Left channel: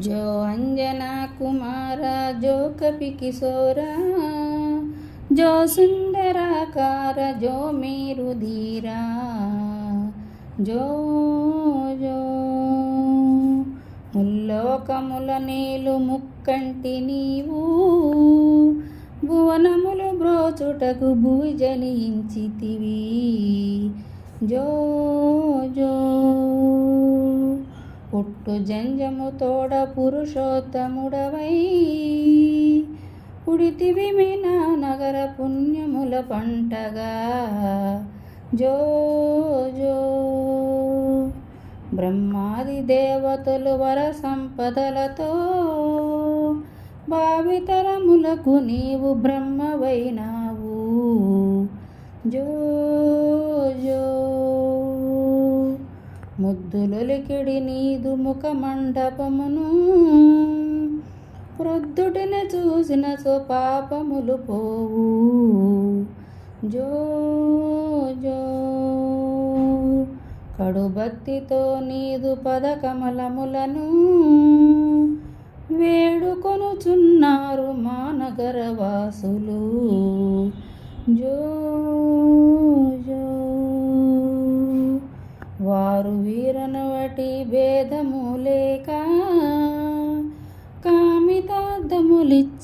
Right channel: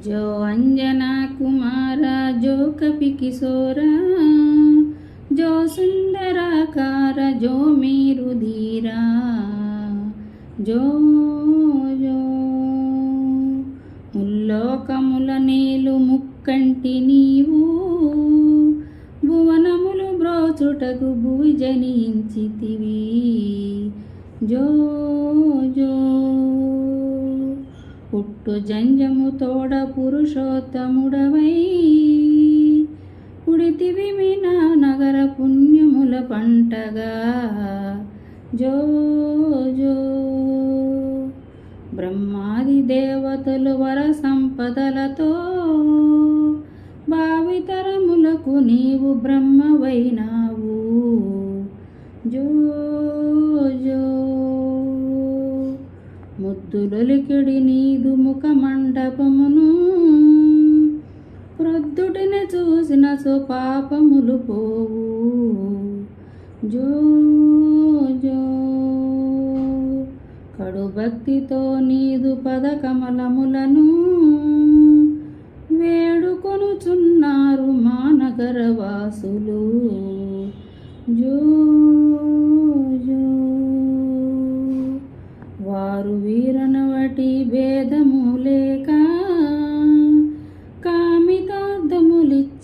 जो अंजना कुमारा जो कपि किशोरा जो सुंदराकार जो मेरु धीरा जो जो ముల్లోకముల నేలు ముక్కంటి నీవు భువనములు బ్రోచుటకు భూజనించితివి జో పుట్టు జంజము తోడ పురుషోత్తముడవై. పుడితివి మీనా నగర పుణ్యముల పంటగా. జో జో. బ్రహ్మాది దేవతలు వర సంపదలతో భావితరములకు నీవు బ్రహ్మవైనావు. జో జో. ముద్దులొలికిడి నీదు ముఖ మండపమును వృద్ధుడిని చూసిన సుపాపములు పోవు. జో జో. కడు భక్తితో నీదు పదకమలములను వేడుకొనుచున్నారు మానగరవాసులు.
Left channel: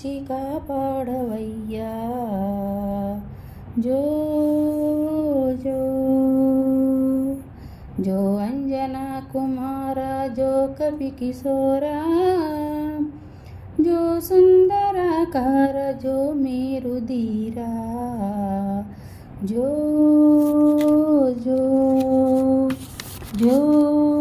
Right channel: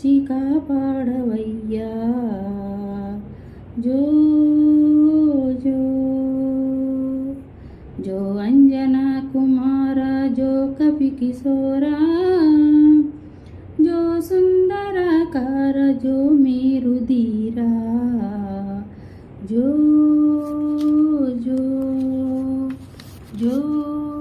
अच्छी का पाड़वैया। जो जो जो अंजना कुमार जो कपि किशोरा जो सुंदर आकार जो मेरु धीरा जो जो, जो